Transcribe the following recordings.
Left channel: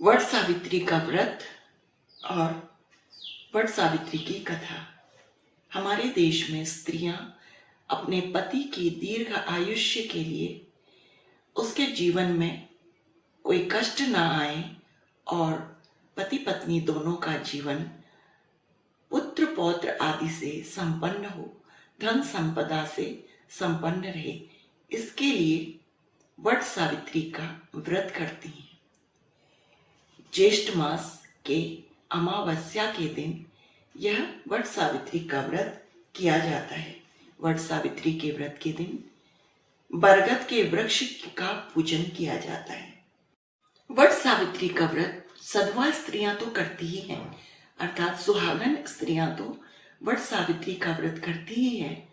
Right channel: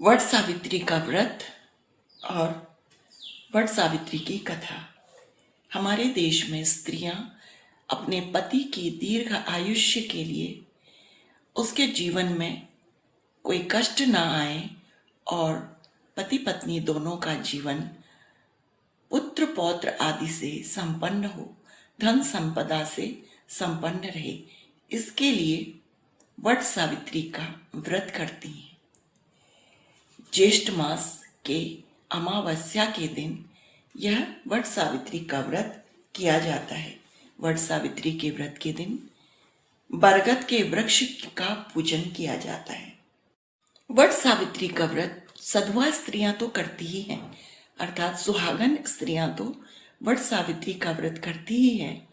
वट सावित्री का व्रत और वट सावित्री की कथा। हमारे देश में स्त्रियां अपने पति की दीर्घ आयुष्य के लिए, उसके जीवन में कोई कष्ट ना आए और पति पत्नी दोनों का जीवन पुत्र पौत्र आदि से संपन्न हो, धन संपदा से संपन्न रहे, इसके लिए वट सावित्री का व्रत करती हैं। ज्येष्ठ मास के अमावस्या के दिन यह वट सावित्री का व्रत किया जाता है। वट सावित्री के व्रत के दिन बरगद के वृक्ष का पूजन किया जाता है। वट सावित्री का व्रत सधवा स्त्रियां तो करती ही हैं, अर्थात सुहागन स्त्रियां तो वट सावित्री का व्रत करती ही हैं।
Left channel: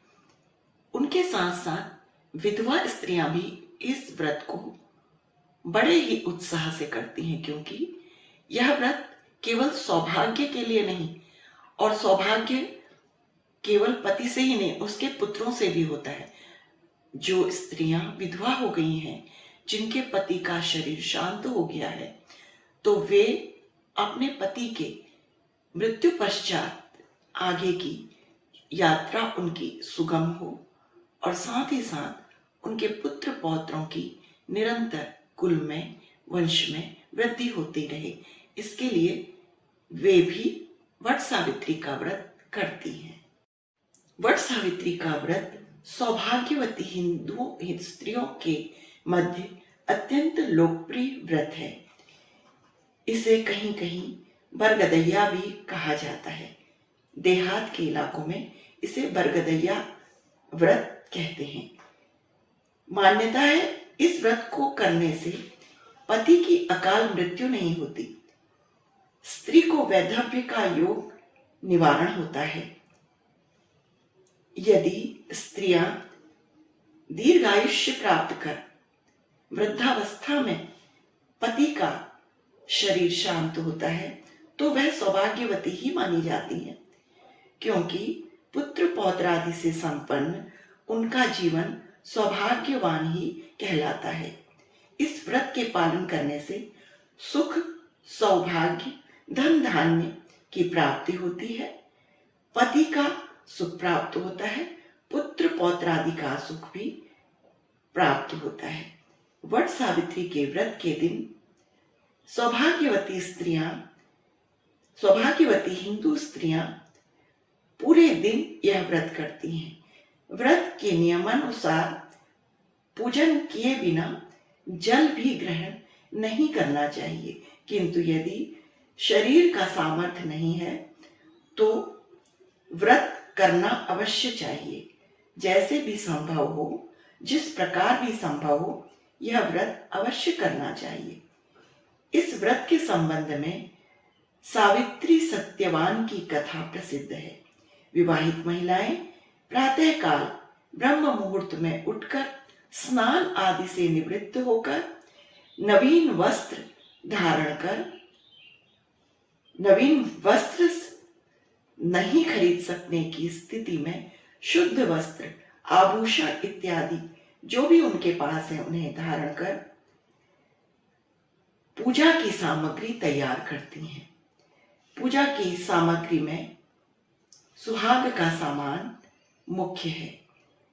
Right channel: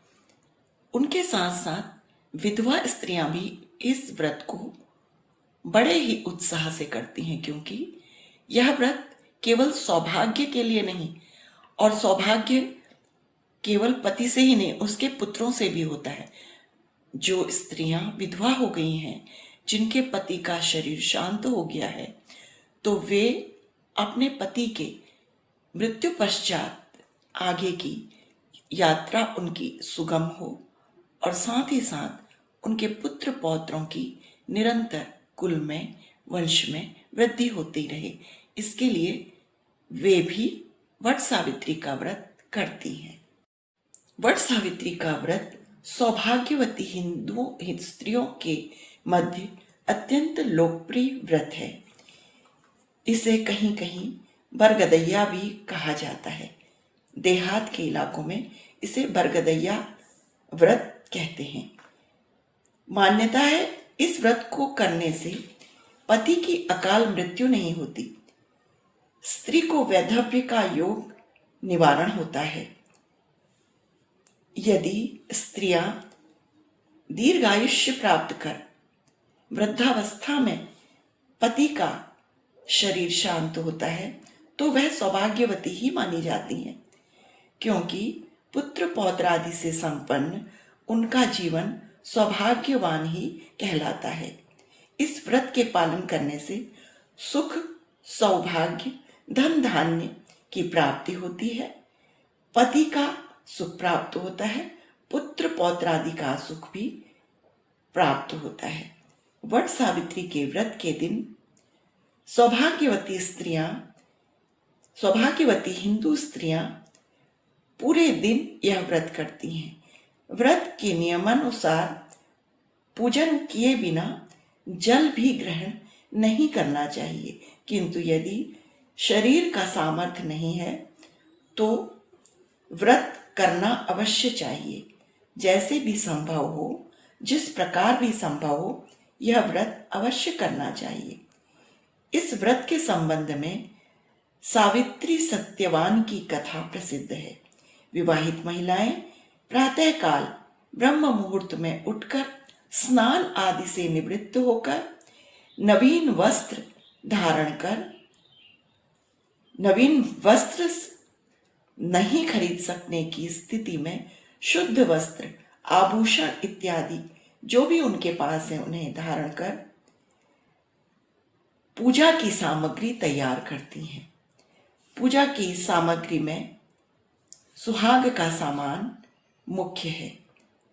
उनके साथ साथ विधवा स्त्रियां भी इस व्रत को बड़े ही उत्साह से करती हैं, क्योंकि यह व्रत केवल सौभाग्य के लिए नहीं, और सौभाग्य केवल पति से ही नहीं, उसके पुत्रों से भी होता है। जो स्त्रियां विधवा हो गई हैं, जिनके पति का शरीर शांत हो गया है, तो वे अपने पति के मृत्यु पश्चात आगे की यात्रा उनकी सुगम हो, और साथ ही साथ उनके पुत्र पौत्रों की निरंतर कुल में, वंश में वृद्धि होती रहे, इसके लिए वे भी वट सावित्री का व्रत करती हैं। वट सावित्री का व्रत सौभाग्यवती हिंदू स्त्रियों के मध्य अत्यंत लोकप्रिय व्रत है। इसे कहीं कहीं बरगदैया भी कहा जाता है। देहात के इलाकों में इसे बरगदैया व्रत कहते हैं। मान्यता है इस व्रत को करने से पति की अकाल मृत्यु नहीं होती, स्त्री को वैधव्य का योग निवारण होता है। यदि स्त्रियां दीर्घायुष्य प्राप्त कर वृद्धावस्था में पति का शरीर शांत होता है, तो वह सौभाग्यवती ही मानी जाती है, क्योंकि पुत्र पौत्र आदि से संपन्न उनका जीवन सौभाग्यवान ही कहलाता है। इस व्रत के पालन करने से सुख, सौभाग्य, धन धान्य की प्राप्ति होती है, पति का सुख प्राप्त होता है, पुत्र पौत्र आदि का सुख भी प्राप्त होता है। वट सावित्री के व्रत के दिन सौभाग्यवती हिंदू स्त्रियां पूरे दिन यह व्रत करती हैं। व्रत के नियमानुसार पूजन किए बिना जल भी ग्रहण नहीं करना चाहिए, किंतु यदि शरीर का सामर्थ्य नहीं है तो व्रत करना अवश्य चाहिए। जैसे भी संभव हो, जिस प्रकार भी संभव हो, यह व्रत अवश्य करना चाहिए। इस व्रत के संबंध में सावित्री सत्यवान की कथा प्रसिद्ध है। विवाहित महिलाएं प्रातःकाल ब्रह्म मुहूर्त में उठकर स्नान आदि से निवृत्त होकर नवीन वस्त्र नहीं खरीद सकने की स्थिति में शुद्ध वस्त्र, आभूषण इत्यादि जो भी उनके पास है उन्हें धारण कर पूजा की सामग्री तैयार करती हैं। पूजा की सामग्री में सुहाग का सामान मुख्य है।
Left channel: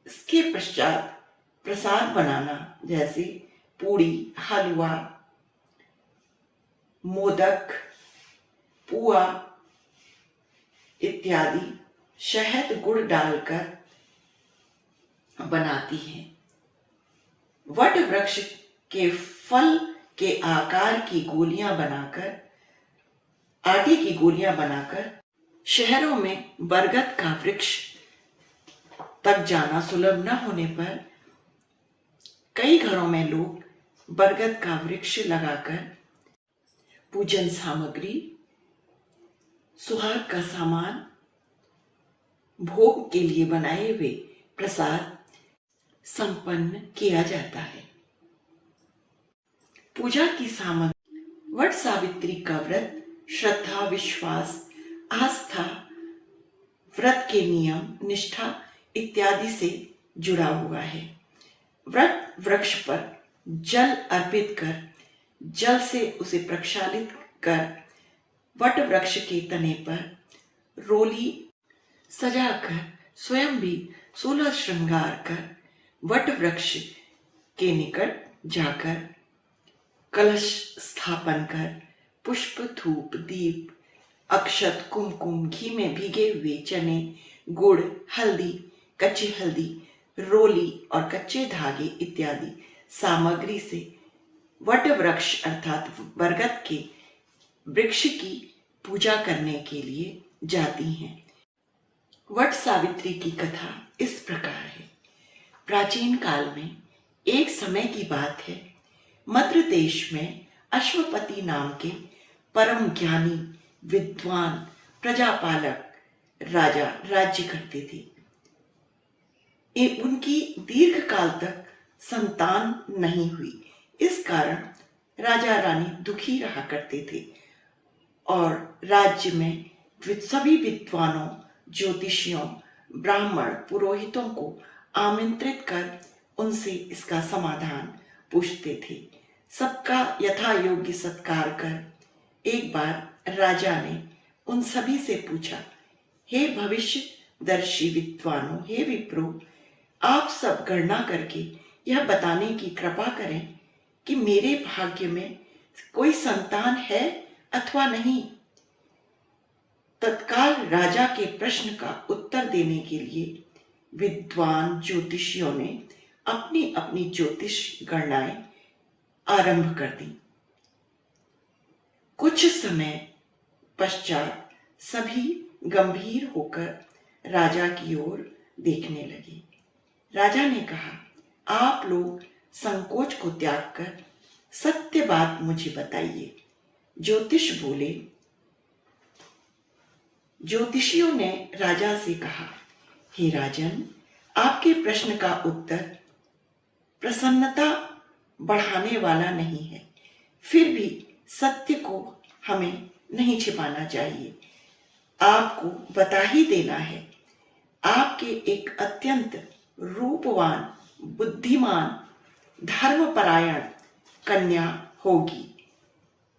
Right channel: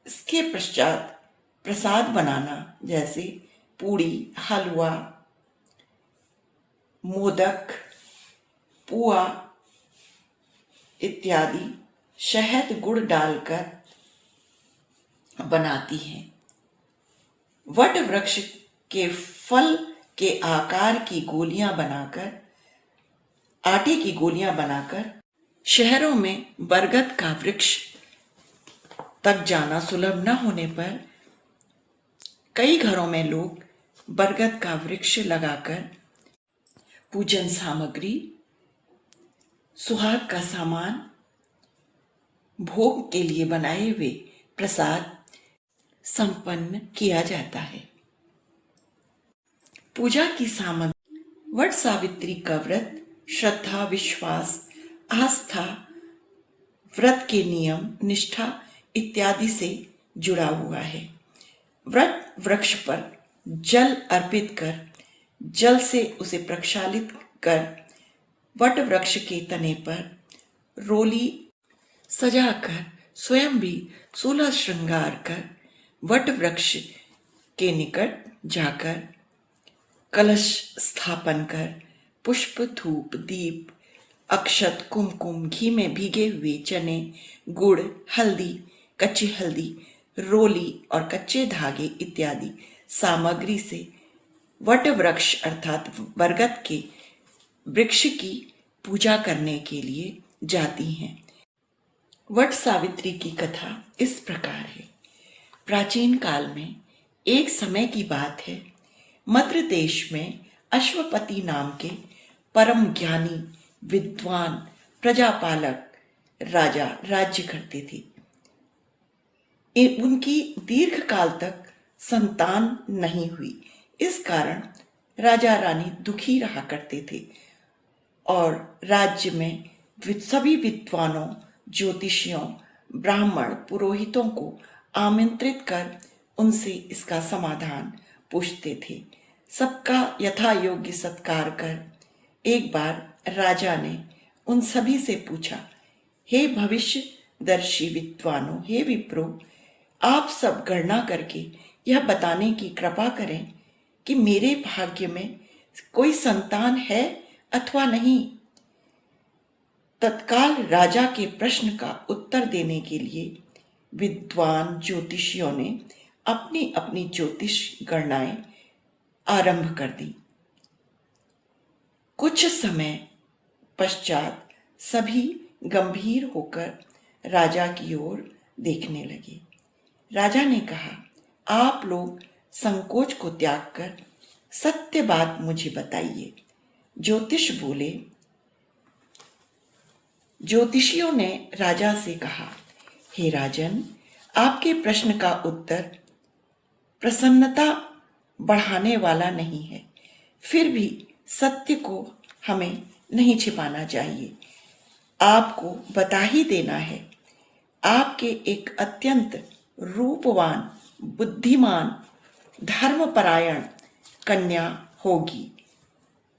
इसके पश्चात प्रसाद बनाना, जैसे पूड़ी, हलवा, मोदक, पुआ इत्यादि शहद गुड़ डालकर बनाती हैं। वट वृक्ष के फल के आकार की गोलियां बनाकर, आटे की गोलियां बनाकर, शहरों में बरगद का वृक्ष तक जाना सुलभ न होने पर कई घरों में लोग बरगद का वृक्ष लगाकर पूजन सामग्री, सुहाग का सामान, भोग के लिए बनाए हुए प्रसाद संपन्न किया जाता है। पूजा की सामग्री। वट सावित्री का व्रत श्रद्धा, विश्वास, आस्था, व्रत के नियम, निष्ठा इत्यादि से जुड़ा हुआ है। व्रत वृक्ष पर जल अर्पित कर जल से उसे प्रक्षालित कर वट वृक्ष के तने पर रोली सजाकर स्वयं भी 16 श्रृंगार कर वट वृक्ष के निकट जाकर कलश स्थापन कर पुष्प धूप दीप अक्षत कुमकुम घी में भीगे हुए चने गुड़ हल्दी कच्ची हल्दी रोली और कच्चे धागे इत्यादि सामग्री से वट वृक्ष अर्थात बरगद के वृक्ष की पूजा करने के लिए जाती हैं। वट सावित्री की कथा इस प्रकार है। प्राचीन काल में एक समय की बात है, मद्र देश में अश्वपति नाम के परम ज्ञानी विद्वान प्रजापालक राजा राज्य करते थे। उनकी दीर्घ काल तक संतान नहीं हुई। इस कारण राजा रानी दुखी रहा करते थे और राज्य में सभी विद्वानों ज्योतिषियों ब्राह्मण पुरोहितों को आमंत्रित कर उनसे इसका समाधान पूछते थे। सबका यथा योग्य सत्कार कर एक बार राजा ने उन सभी से पूछा, हे भविष्य दर्शी विद्वानों, हे विप्रो, आप सब गणना करके यह बताने की कृपा करें कि मेरे भाग्य में कोई संतान है अथवा नहीं। तत्काल राजा के प्रश्न का उत्तर देने के लिए विद्वान ज्योतिषियों ने अपनी अपनी ज्योतिष गणनाएं आरंभ कर दी। कुछ समय पश्चात सभी गंभीर होकर राजा की ओर देखने लगे। राजा ने कहा, आप लोग संकोच को त्याग कर सत्य बात मुझे बताइए। ज्योतिषियों ने राजा से कहा, हे राजन, आपके प्रश्न का उत्तर प्रसन्नता बढ़ाने वाला नहीं है, फिर भी सत्य को हमें नहीं छिपाना चाहिए। आपको बता ही देना है, आपके एक अत्यंत रूपवान बुद्धिमान धर्मपरायण कन्या होगी।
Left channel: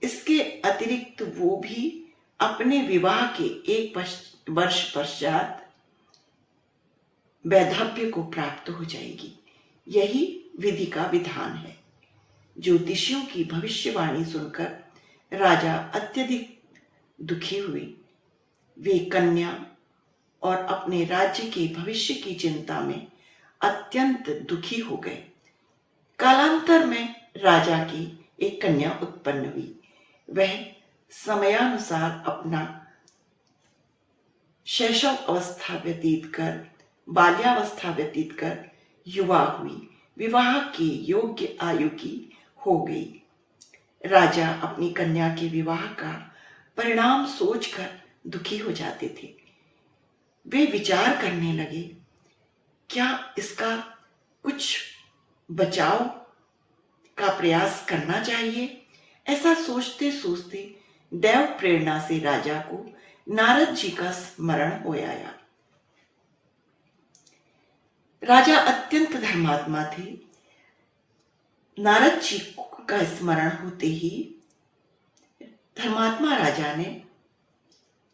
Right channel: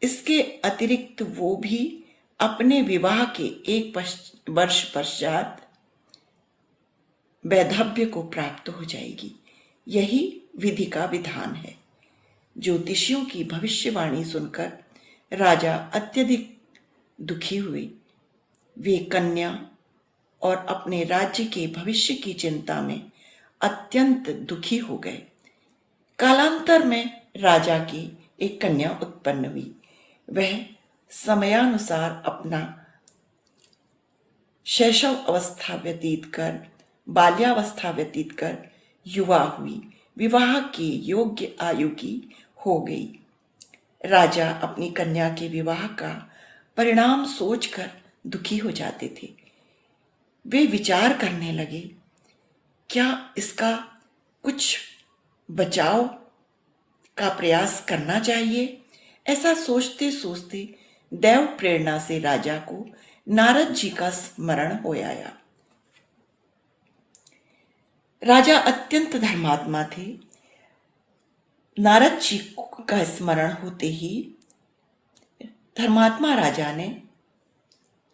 इसके अतिरिक्त वो भी अपने विवाह के एक वर्ष पश्चात वैधव्य को प्राप्त हो जाएगी। यही विधि का विधान है। ज्योतिषियों की भविष्यवाणी सुनकर राजा अत्यधिक दुखी हुए। वे कन्या और अपने राज्य के भविष्य की चिंता में अत्यंत दुखी हो गए। कालांतर में राजा की एक कन्या उत्पन्न हुई। वह समयानुसार अपना शैशव अवस्था व्यतीत कर बाल्यावस्था व्यतीत कर युवा हुई, विवाह के योग्य आयु की हो गई। राजा अपनी कन्या के विवाह का परिणाम सोचकर दुखी हो जाते थे। वे विचार करने लगे, क्या इसका कुछ बचाव का प्रयास करना चाहिए। ऐसा सोचते सोचते दैव प्रेरणा से राजा को नारद जी का स्मरण हो आया। राजा अत्यंत धर्मात्मा थे। नारद जी का स्मरण होते ही धर्मात्मा राजा ने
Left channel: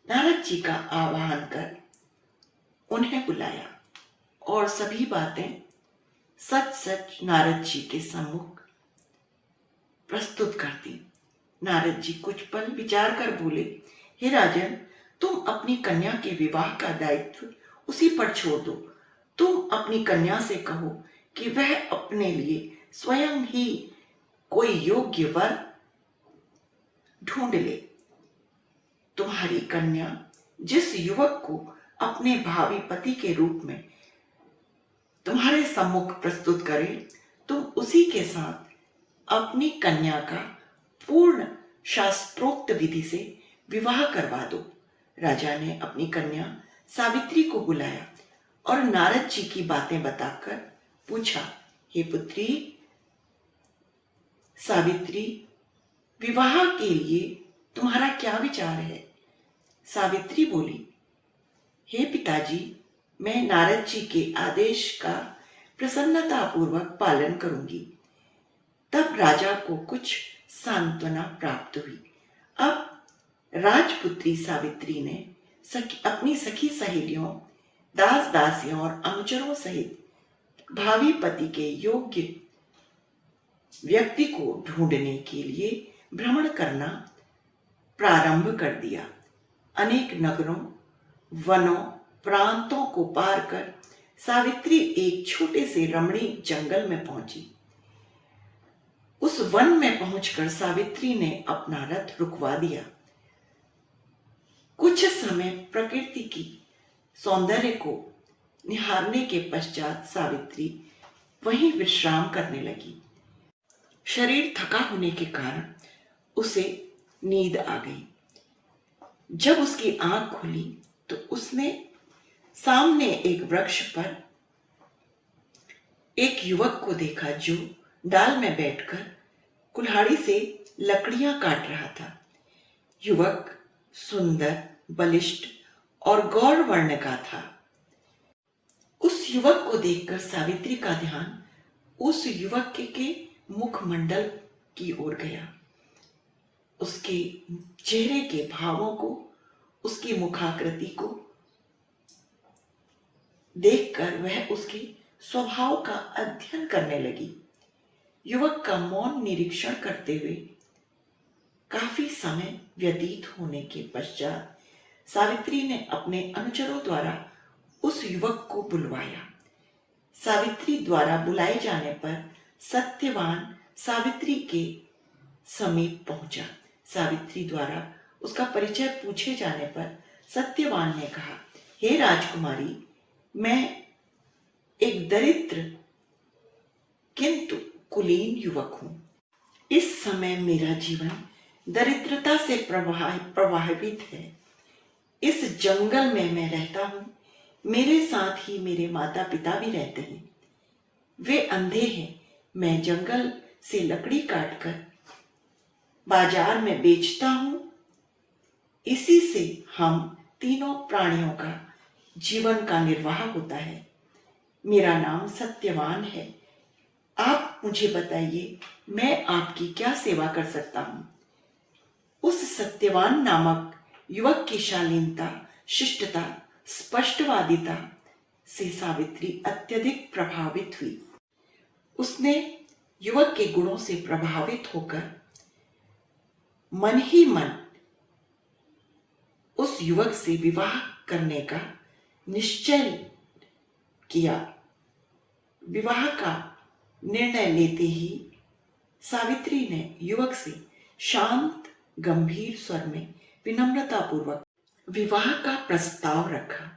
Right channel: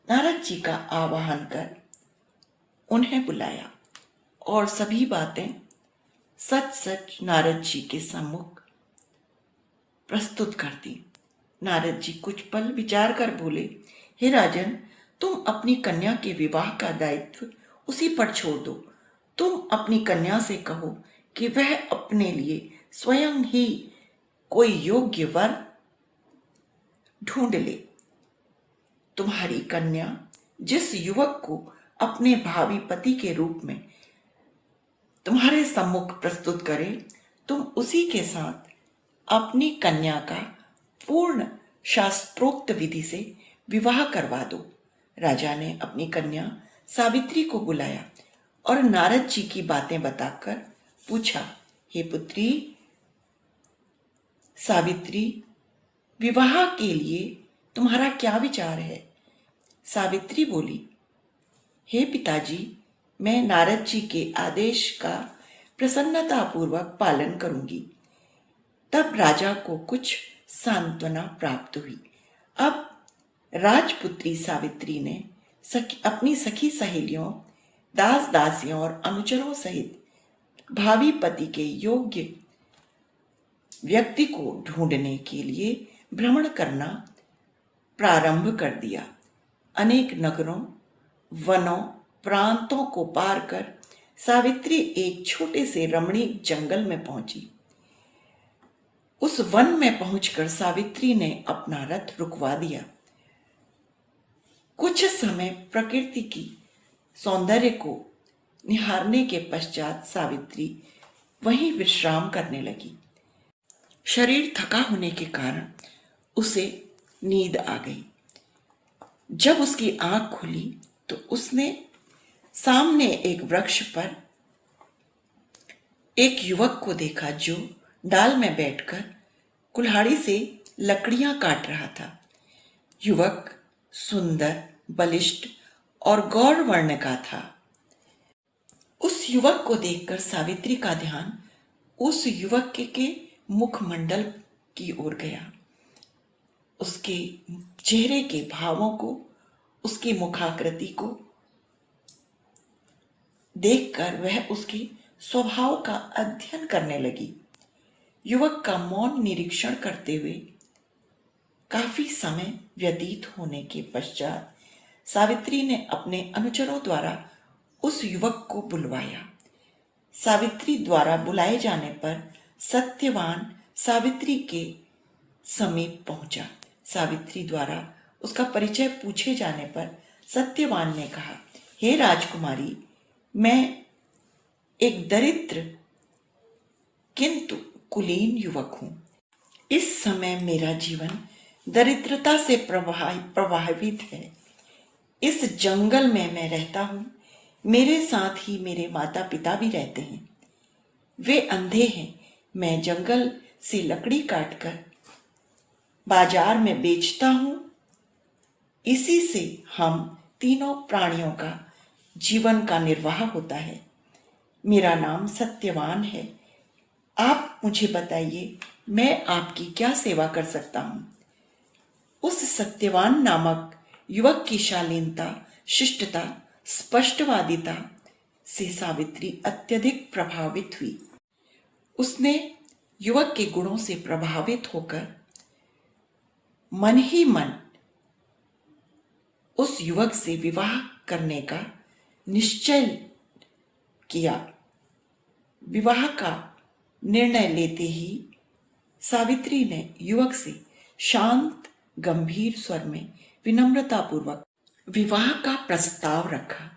नारद जी का आवाहन कर उन्हें बुलाया और सभी बातें सच सच नारद जी के सम्मुख प्रस्तुत कर दी। नारद जी कुछ पल विचार कर बोले, हे राजन, तुम अपनी कन्या के विवाह का दायित्व उसी पर छोड़ दो। तुम अपनी कन्या से कहो कि वह अपने लिए स्वयं ही कोई योग्य वर ढूंढ ले। तुम्हारी कन्या जिस युवक को अपने भावी पति के रूप में तुम्हारे सम्मुख प्रस्तुत करे, तुम उसी के साथ अपनी कन्या का पूर्ण शास्त्रोक्त विधि से विवाह करवा दो। राजा ने अपनी कन्या सावित्री को बुलाया और नारद जी की बातें बताकर पूछा, हे पुत्री सावित्री, विवाह के लिए तुम्हारा क्या विचार है। सावित्री बोली, हे पिताजी, मैं नारद जी के आदेश का प्रसन्नतापूर्वक पालन करूंगी। तब राजा को कुछ सांत्वना प्राप्त हुई। अब राजपुत्री सावित्री ने अपनी सखी सहेलियों, दास दासियों और अनुचरों सहित भावी पति के योग्य व्यक्ति को ढूंढने के लिए भ्रमण करना प्रारंभ कर दिया। अनेक नगरों, वनों, प्रांतों को पार कर सावित्री एक छोटे से रमणीक जंगल में पहुंची। उस वन में पहुंचकर सावित्री ने अपना रथ रुकवा दिया। कुछ समय प्रकृति की सौंदर्य को निहारने के पश्चात सावित्री वहीं विश्राम करने लगी। शरीर थका होने के कारण उसे नींद आ गई। जब उसकी आंख खुली तो उसने सामने एक वृक्ष पर एक युवक को देखा जो डाल में बैठकर कुल्हाड़ी से लकड़ियां काट रहा था। युवक सुंदर, बलिष्ठ और गौर वर्ण का था। उस युवक को देखकर सावित्री का ध्यान उस युवक के मुखमंडल की ओर गया। उसके चेहरे के भावों को, उसकी मुखाकृति को देखकर वह उसके स्वभाव का अध्ययन करने लगी। युवक का मौन निरीक्षण करते हुए काफी समय व्यतीत होने के पश्चात सावित्री ने अपने अनुचरों द्वारा उस युवक को बुलवाया। सावित्री द्वारा बुलाए जाने पर सत्यवान सावित्री के समीप पहुंचा। सावित्री द्वारा उसका परिचय पूछे जाने पर सत्यवान ने कहा, हे राजकुमारी, मैं एक दरिद्र किंतु कुलीन युवक हूं। इस समय मेरा जीवन दरिद्रता से प्रभावित है। इस जंगल में मैं रहता हूं। मेरे साथ ही मेरे माता पिता भी रहते हैं। वे अंधे हैं। मैं जंगल से लकड़ी काटकर बाजार में बेचता हूं। इसी से हम तीनों प्राणियों का जीवन का निर्वाह होता है। मेरा नाम सत्यवान है। आप मुझे बताइए, मैं आपकी क्या सेवा कर सकता हूं? उस सत्यवान नामक युवक की शालीनता, शिष्टता, स्पष्टवादिता से सावित्री अत्यधिक प्रभावित हुई। उसने युवक के गुणों से प्रभावित होकर मन ही मन उस युवक से विवाह करने का निश्चय किया। विवाह का निर्णय लेते ही सावित्री ने युवक से शांत, गंभीर स्वर में विनम्रतापूर्वक विवाह का प्रस्ताव रखा।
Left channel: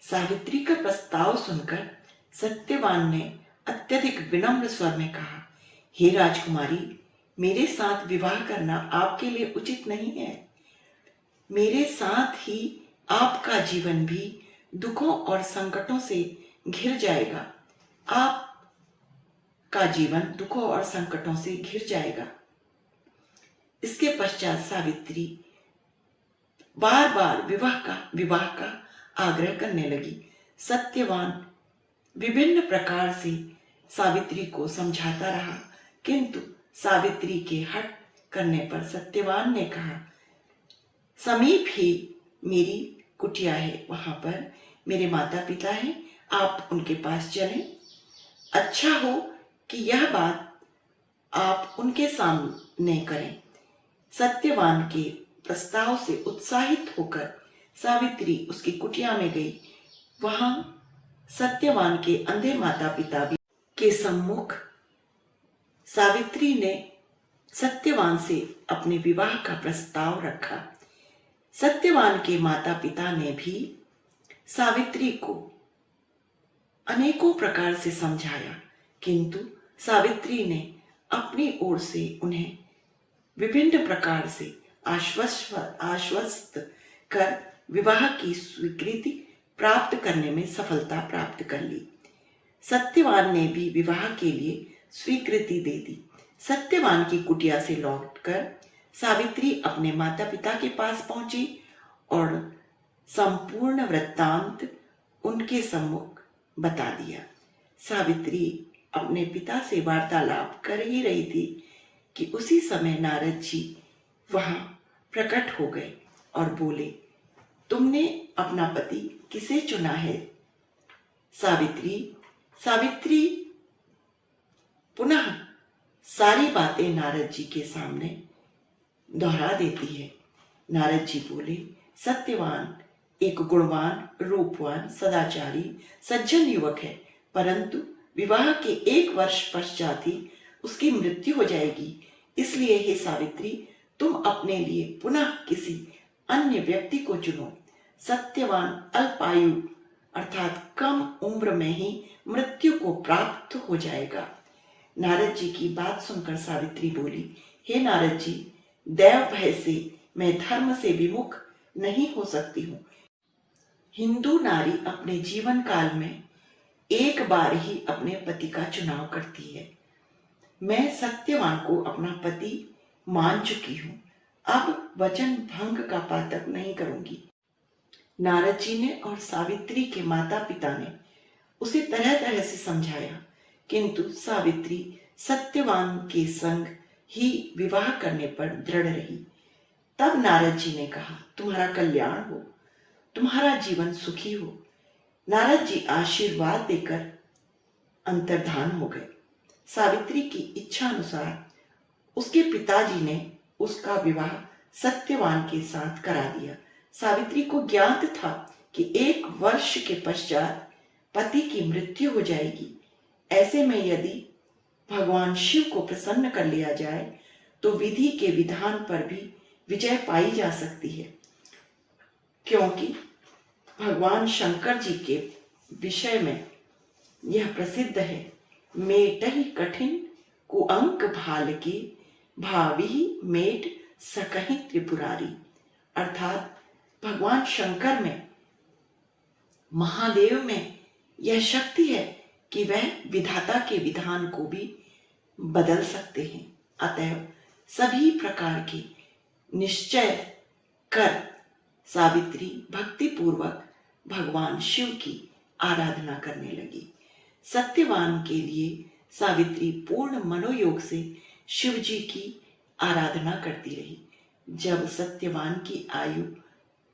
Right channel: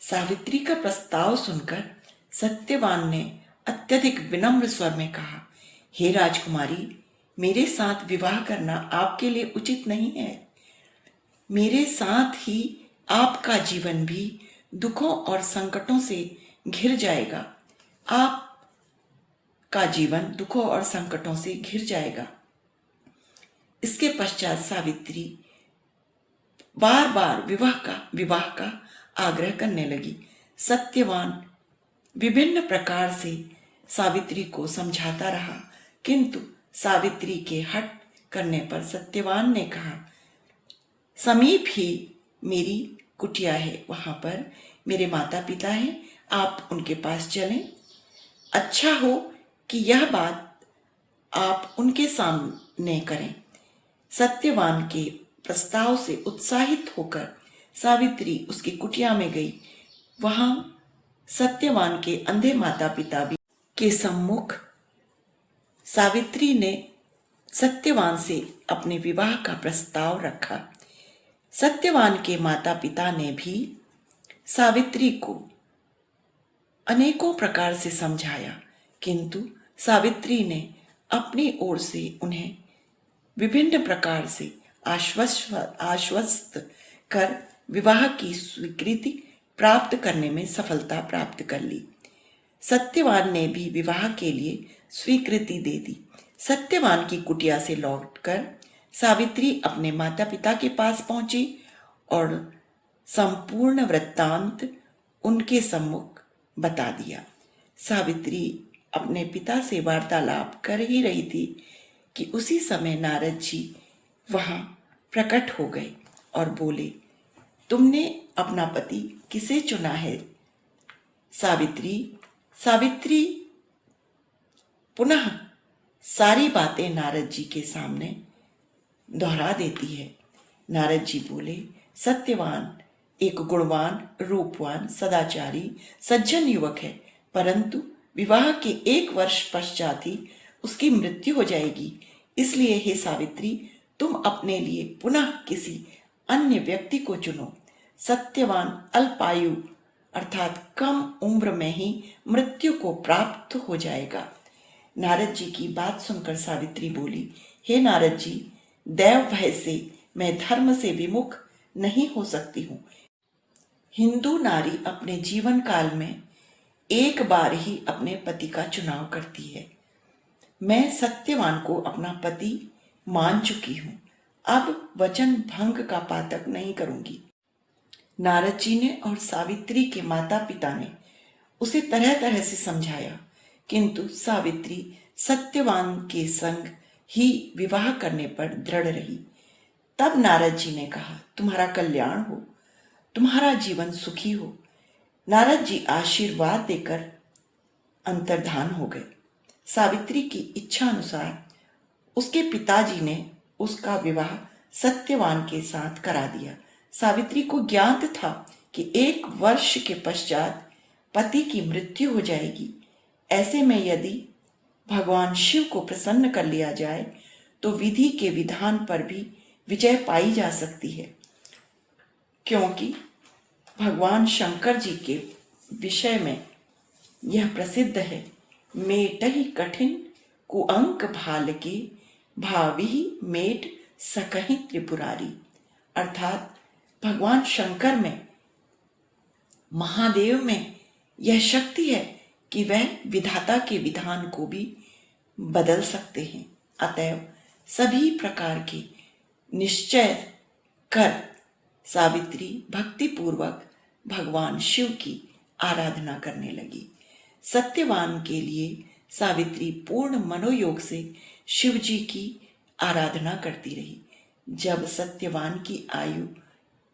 सावित्री का प्रस्ताव सुनकर सत्यवान ने अत्यधिक विनम्र स्वर में कहा, हे राजकुमारी, मेरे साथ विवाह करना आपके लिए उचित नहीं है। मेरे साथ ही आपका जीवन भी दुखों और संकटों से घिर जाएगा। आपका जीवन दुखों और संकटों से घिर जाएगा। इसके पश्चात सावित्री बार बार विवाह का आग्रह करने लगी। सत्यवान विभिन्न प्रकार से सावित्री को समझाता रहा, किंतु सावित्री के हट करने पर सत्यवान ने कहा, समीप ही मेरी कुटिया है, वहां पर मेरे माता पिता हैं, आप उनके पास चलें। अच्छा हो कि यह बात आप उनके सामने करें। सत्यवान के प्रस्ताव से उत्साहित होकर सावित्री उसकी कुटिया में गई। वहां सत्यवान के अंधे माता पिता भी के सम्मुख सावित्री ने सत्यवान से अपने विवाह का प्रस्ताव रखा। सत्यवान के माता पिता ने भी सावित्री को अनेकों प्रकार से समझाया, किंतु सावित्री ने अपनी ओर से उन्हें विभिन्न प्रकार से आश्वस्त कर विवाह की स्वीकृति प्राप्त करने में सफलता प्राप्त कर ली। सत्यवान ने भी विवाह के लिए स्वीकृति दे दी। सत्यवान की कुटिया से लौटकर सावित्री अपने माता पिता के पास पहुंची और संपूर्ण वृत्तांत उनके सम्मुख बता दिया। सावित्री अपने पिता से वार्तालाप कर ही रही थी कि उसी समय नारद जी वहां प्रकट हो गए और बोले, तुमने अपना पति किसे चुना है सावित्री? सावित्री पुनः सारी बातें नारद जी के सामने दोहरा देती है। नारद जी बोले, सत्यवान एक गुणवान, रूपवान, सदाचारी, सज्जन युवक है, परंतु विवाह के 1 वर्ष पश्चात ही उसकी मृत्यु हो जाएगी। इसलिए हे सावित्री, तुम अपने लिए पुनः किसी अन्य व्यक्ति को चुनो। सत्यवान अल्पायु अर्थात कम उम्र में ही मृत्यु को प्राप्त हो जाएगा। नारद जी की बात सुनकर सावित्री बोली, हे नारद जी, दैव भय से मैं धर्म से विमुख नहीं हो सकती हूँ। हिंदू नारी अपने जीवन काल में एक बार ही अपने पति का चुनाव करती है। मैं सत्यवान को अपना पति मान चुकी हूँ, अब वचन भंग का पातक नहीं करूंगी। नारद जी ने और सावित्री के माता पिता ने उसे तरह तरह से समझाया, किंतु सावित्री सत्यवान के संग ही विवाह करने पर दृढ़ रही। तब नारद जी ने कहा, तुम्हारा कल्याण हो, तुम्हारा जीवन सुखी हो। नारद जी आशीर्वाद देकर अंतर्धान हो गए। सावित्री की इच्छा अनुसार उसके पिताजी ने उसका विवाह सत्यवान के साथ करा दिया। सावित्री को ज्ञात था कि 1 वर्ष के पश्चात पति की मृत्यु हो जाएगी। ऐसे में यदि भगवान शिव को प्रसन्न कर लिया जाए तो विधि के विधान पर भी विजय पाई जा सकती है, क्योंकि भगवान शंकर जी के विषय में यह प्रसिद्ध है, मेटहि कठिन कुअंक भाल के, भावी मेट सकहि त्रिपुरारी। अर्थात भगवान शंकर में, महादेव में यह शक्ति है कि वह विधाता के विधान को भी बदल सकते हैं। अतएव सभी प्रकार के निश्चय कर सावित्री भक्ति पूर्वक भगवान शिव की आराधना करने लगी। सत्यवान के लिए सावित्री पूर्ण मनोयोग से शिव जी की आराधना करती रही। जब सत्यवान की आयु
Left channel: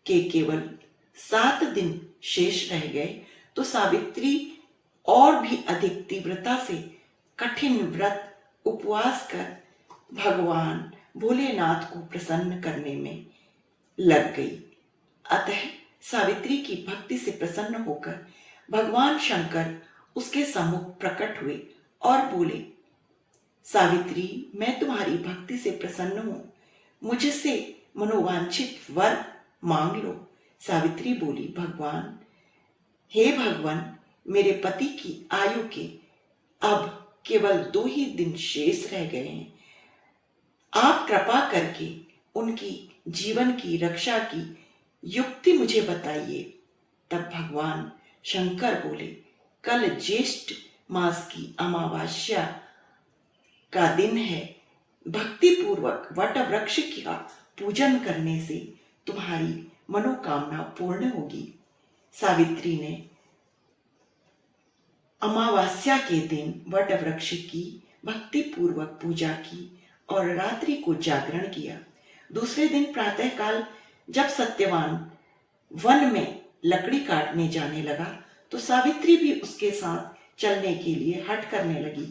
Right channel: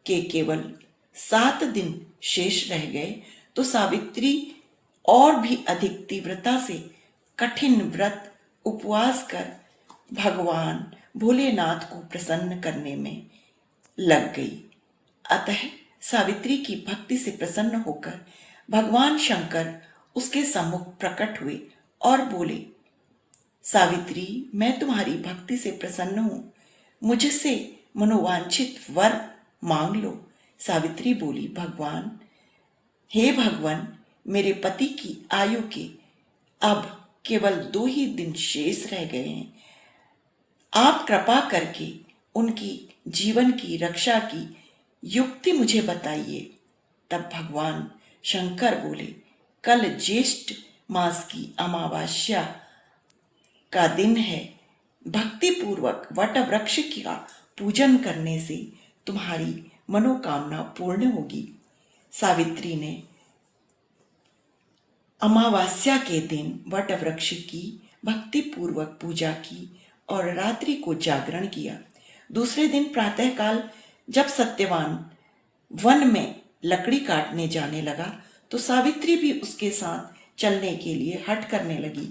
के केवल 7 दिन शेष रह गए तो सावित्री और भी अधिक तीव्रता से कठिन व्रत उपवास कर भगवान भोलेनाथ को प्रसन्न करने में लग गई। अतः सावित्री की भक्ति से प्रसन्न होकर भगवान शंकर उसके सम्मुख प्रकट हुए और बोले, सावित्री, मैं तुम्हारी भक्ति से प्रसन्न हूं, मुझसे मनोवांछित वर मांग लो। सावित्री बोली, भगवान, हे भगवान, मेरे पति की आयु के अब केवल 2 ही दिन शेष रह गए हैं। आप कृपा करके उनकी जीवन की रक्षा की युक्ति मुझे बताइए। तब भगवान शंकर बोले, कल ज्येष्ठ मास की अमावस्या का दिन है। भक्ति पूर्वक वट वृक्ष का पूजन करने से तुम्हारी मनोकामना पूर्ण होगी। सावित्री ने अमावस्या के दिन वट वृक्ष की भक्ति पूर्वक पूजा की और रात्रि को जागरण किया। दूसरे दिन प्रातःकाल जब सत्यवान वन में लकड़ी काटने जाने लगा तो सावित्री भी उसके साथ चलने के लिए हठ करने लगी।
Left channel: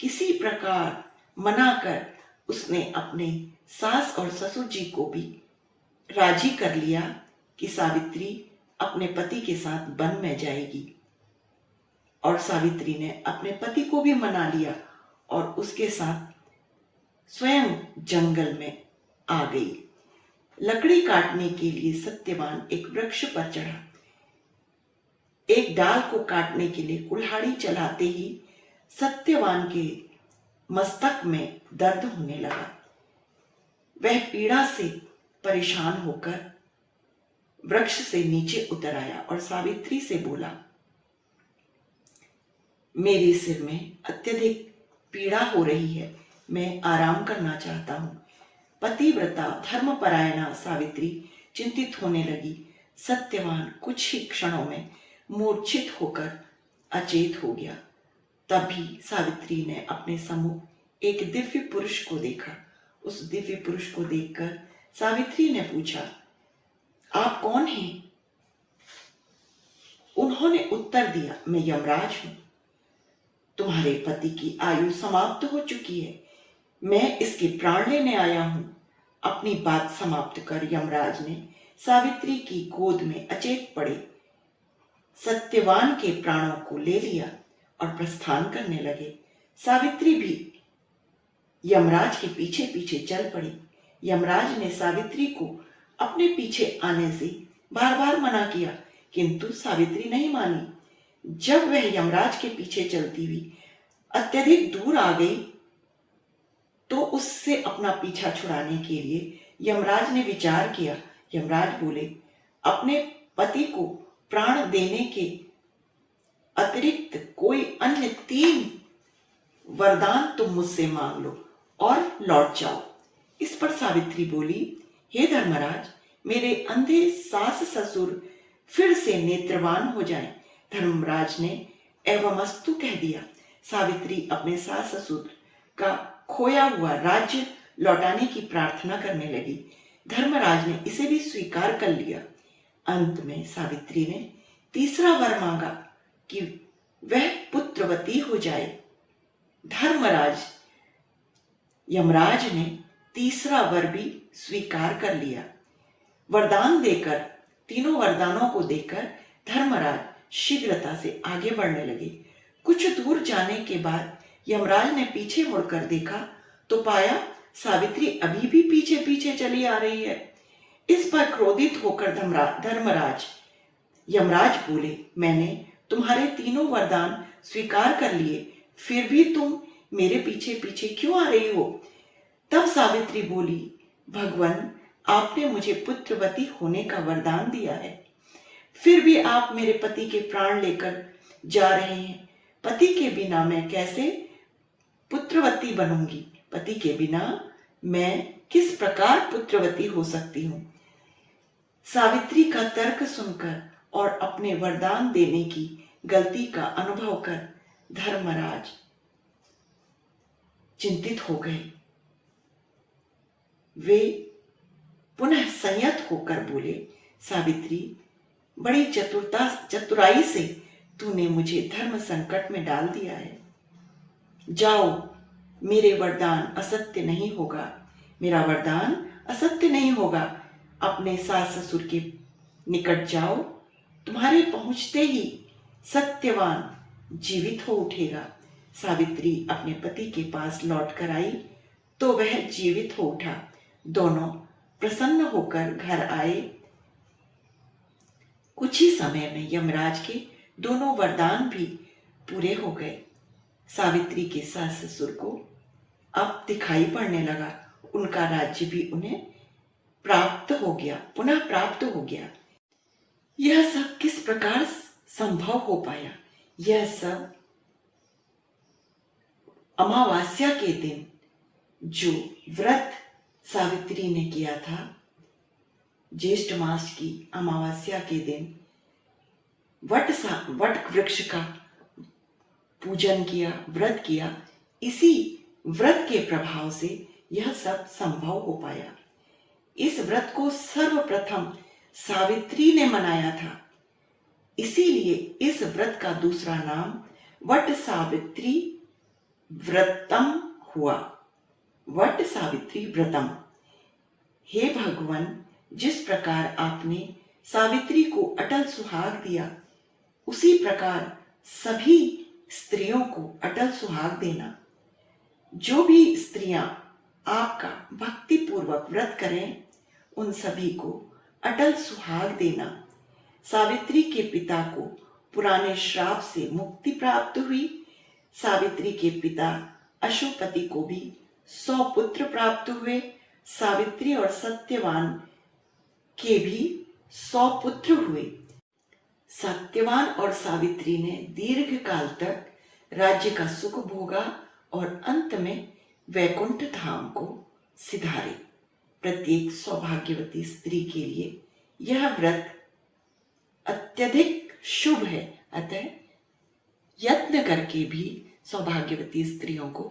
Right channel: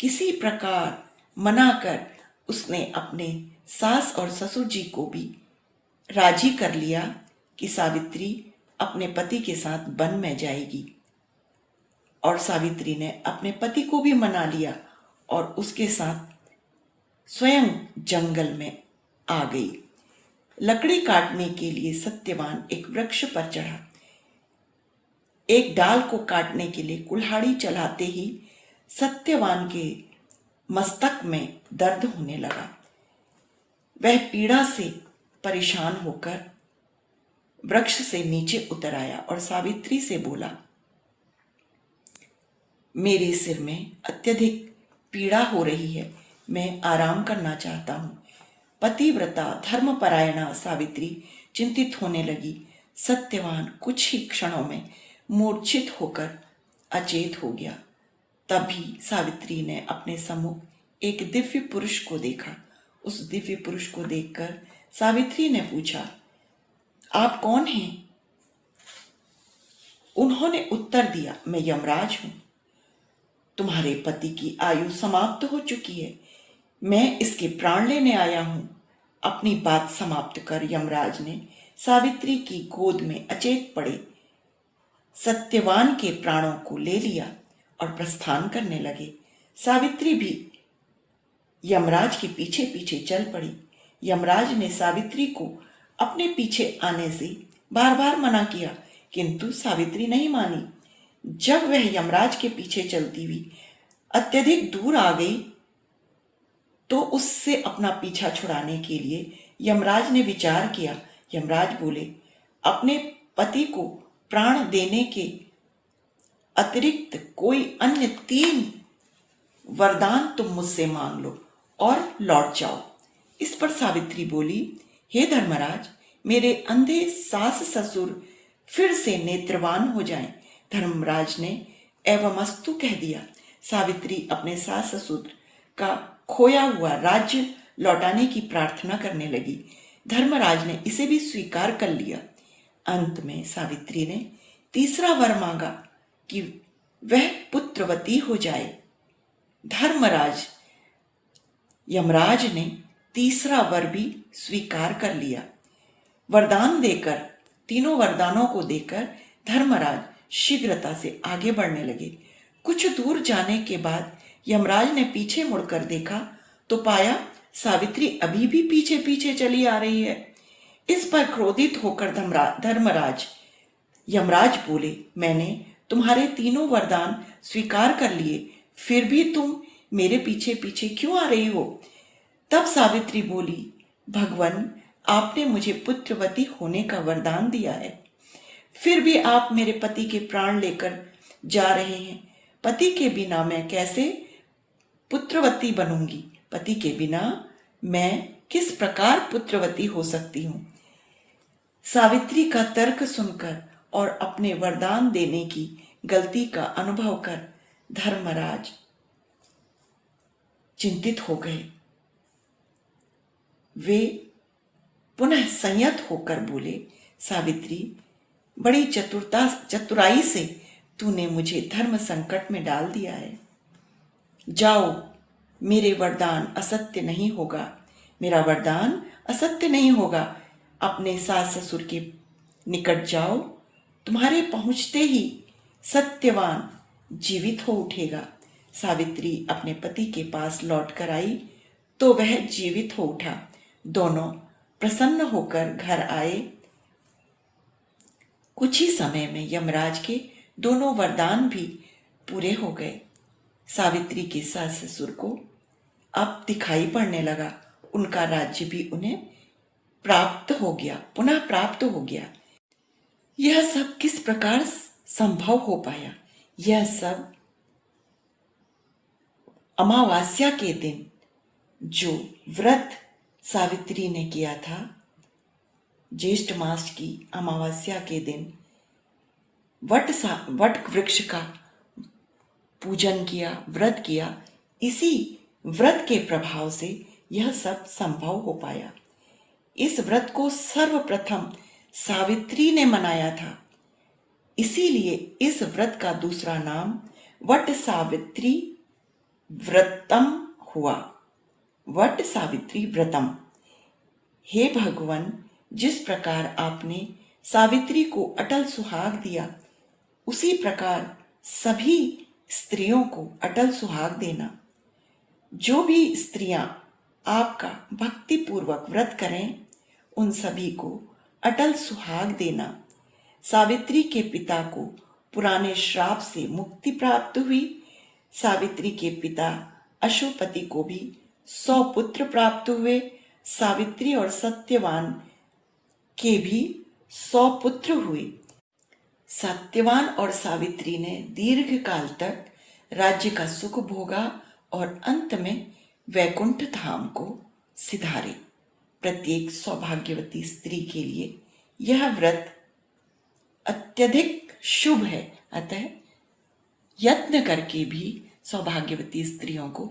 किसी प्रकार मनाकर उसने अपने सास और ससुर जी को भी राजी कर लिया कि सावित्री अपने पति के साथ वन में जाएगी, और सावित्री ने अपने पति को भी मना लिया और उसके साथ स्वयं जंगल में आ गई। लकड़ी काटने के लिए सत्यवान एक वृक्ष पर चढ़ा। एक डाल को काटने के लिए कुल्हाड़ी चलाते ही सत्यवान के मस्तक में दर्द होने लगा। वह पीड़ा से परेशान होकर वृक्ष से नीचे उतर आया और सावित्री से बोला, मेरे सिर में अत्यधिक पीड़ा हो रही है, मैं आराम करना चाहता हूँ। पतिव्रता धर्मपरायणा सावित्री चिंतित होने लगी। सत्यवान कुछ ही क्षणों में मूर्छित होकर अचेत हो गया। तभी सावित्री ने अपने सम्मुख एक दिव्य पुरुष को देखा। उस दिव्य पुरुष को देखकर सावित्री ने पूछा, आप कौन हैं? उन्होंने उत्तर दिया, मैं यमराज हूं। तुम्हारे पति की आयु समाप्त हो चुकी है, मैं इसके प्राण लेने आया हूं। अपनी बात समाप्त कर यमराज ने सावित्री की गोद में अचेत पड़े सत्यवान के प्राणों को ले लिया और प्रस्थान करने लगे। सावित्री भी यमराज के पीछे पीछे चल पड़ी। यमराज ने सावित्री को अपने पीछे आने से बार बार मना किया, किंतु सावित्री नहीं मानी। जब वह यमराज के पीछे चलती हुई अत्यधिक दूर आ गई तो उससे अपना पीछा छुड़ाने के लिए यमराज ने विचार किया। यमराज बोले, अपने पति को प्राण देने के अतिरिक्त कोई अन्य 3 वरदान तुम मुझसे मांग लो और लौट जाओ। इस पर सावित्री बोली, हे धर्मराज, मेरे अंधे सास ससुर फिर से नेत्रवान हो जाएं। धर्मराज ने एवमस्तु कह दिया। सावित्री अपने सास ससुर का खोया हुआ राज्य लौटाने की प्रार्थना करने लगी। धर्मराज ने इसे भी स्वीकार कर लिया। अंत में सावित्री ने तीसरा वर मांगा कि वह पुत्रवती हो जाए। धर्मराज यमराज ने तीसरा वर भी स्वीकार कर लिया। वरदान देकर, तीनों वरदानों को देकर धर्मराज शीघ्रता से आगे बढ़ने लगे। कुछ दूर जाने के बाद यमराज ने पीछे मुड़कर देखा तो पाया सावित्री अभी भी पीछे पीछे चली आ रही है। इस पर क्रोधित होकर धर्मराज यमराज बोले, मैंने तुम्हारे तीनों वरदान स्वीकार कर लिए, फिर भी तुम मेरे पीछे पीछे क्यों आ रही हो? तब सावित्री बोली, भगवान, आपने मुझे पुत्रवती होने का वरदान दिया है, फिर भी आप मेरे पति के प्राण लेकर जा रहे हैं। पति के बिना मैं कैसे पुत्रवती बनूंगी? पति के बिना मैं किस प्रकार पुत्रवती हो सकती हूं? सावित्री का तर्क सुनकर और अपने वरदान देने की गलती का अनुभव कर धर्मराज चिंतित हो गए। वे पुनः संयत होकर बोले, सावित्री, बड़ी चतुराई से तूने मुझे धर्म संकट में डाल दिया है। जाओ, मेरे वरदान असत्य नहीं होगा, मेरा वरदान असत्य नहीं होगा। अपने सास ससुर के निकट जाओ, तुम्हारे पहुंचते ही सत्यवान जीवित हो उठेगा। सावित्री अपने पति के पास लौट कर आई तो वह जीवित हो उठा। दोनों प्रसन्न होकर घर आए। कुछ ही समय में यमराज के दोनों वरदान भी पूरे हो गए। सावित्री के सास ससुर को अब दिखाई पड़ने लगा, उनका राज्य भी उन्हें प्राप्त हो गया, पुनः प्राप्त हो गया। यह सब किस प्रकार संभव हो पाया? यह सब अमावास्या के दिन जो व्रत सावित्री ने किया था, ज्येष्ठ मास की अमावस्या के दिन वट वृक्ष का पूजन किया, व्रत किया, इसी व्रत के प्रभाव से यह सब संभव हो पाया। इस व्रत को सर्वप्रथम सावित्री ने मनाया था, इसीलिए इस व्रत का दूसरा नाम वट सावित्री व्रतम हुआ। वट सावित्री व्रतम। हे भगवान, जिस प्रकार आपने सावित्री को अटल सुहाग दिया, उसी प्रकार सभी स्त्रियों को अटल सुहाग देना। जो भी स्त्रियां आपका भक्ति पूर्वक व्रत करें, उन सभी को अटल सुहाग देना। सावित्री के पिता को पुराने श्राप से मुक्ति प्राप्त हुई। सावित्री के पिता अशुपति को भी 100 पुत्र प्राप्त हुए। सावित्री और सत्यवान के भी 100 पुत्र हुए। सत्यवान और सावित्री ने दीर्घ काल तक राज्य का सुख भोगा और अंत में वैकुंठ धाम को सिधारे। प्रत्येक सौभाग्यवती स्त्री के लिए यह व्रत अत्यधिक शुभ है, अतः यत्न करके भी सौभाग्यवती स्त्रियों को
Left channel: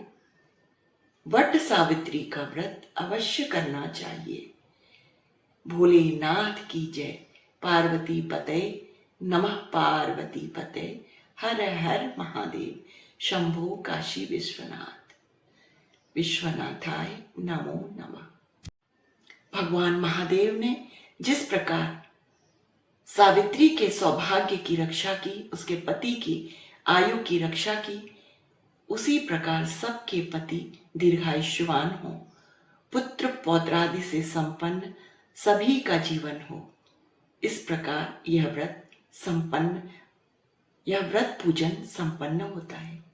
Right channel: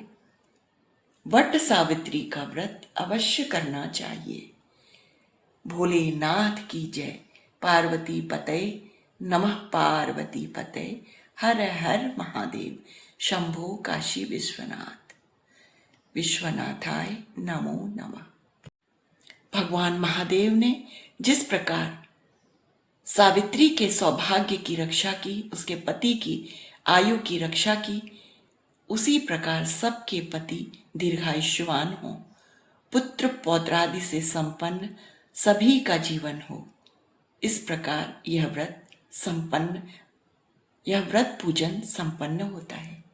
वट सावित्री का व्रत अवश्य करना चाहिए। भोलेनाथ की जय। पार्वती पते नमः। पार्वती पते हर हर महादेव। शंभो काशी विश्वनाथ। विश्वनाथाय नमो नमः। भगवान महादेव ने जिस प्रकार सावित्री के सौभाग्य की रक्षा की, उसके पति की आयु की रक्षा की, उसी प्रकार सबके पति दीर्घायुष्मान हो, पुत्र पौत्रादि से संपन्न सभी का जीवन हो। इस प्रकार यह व्रत पूजन संपन्न होता है।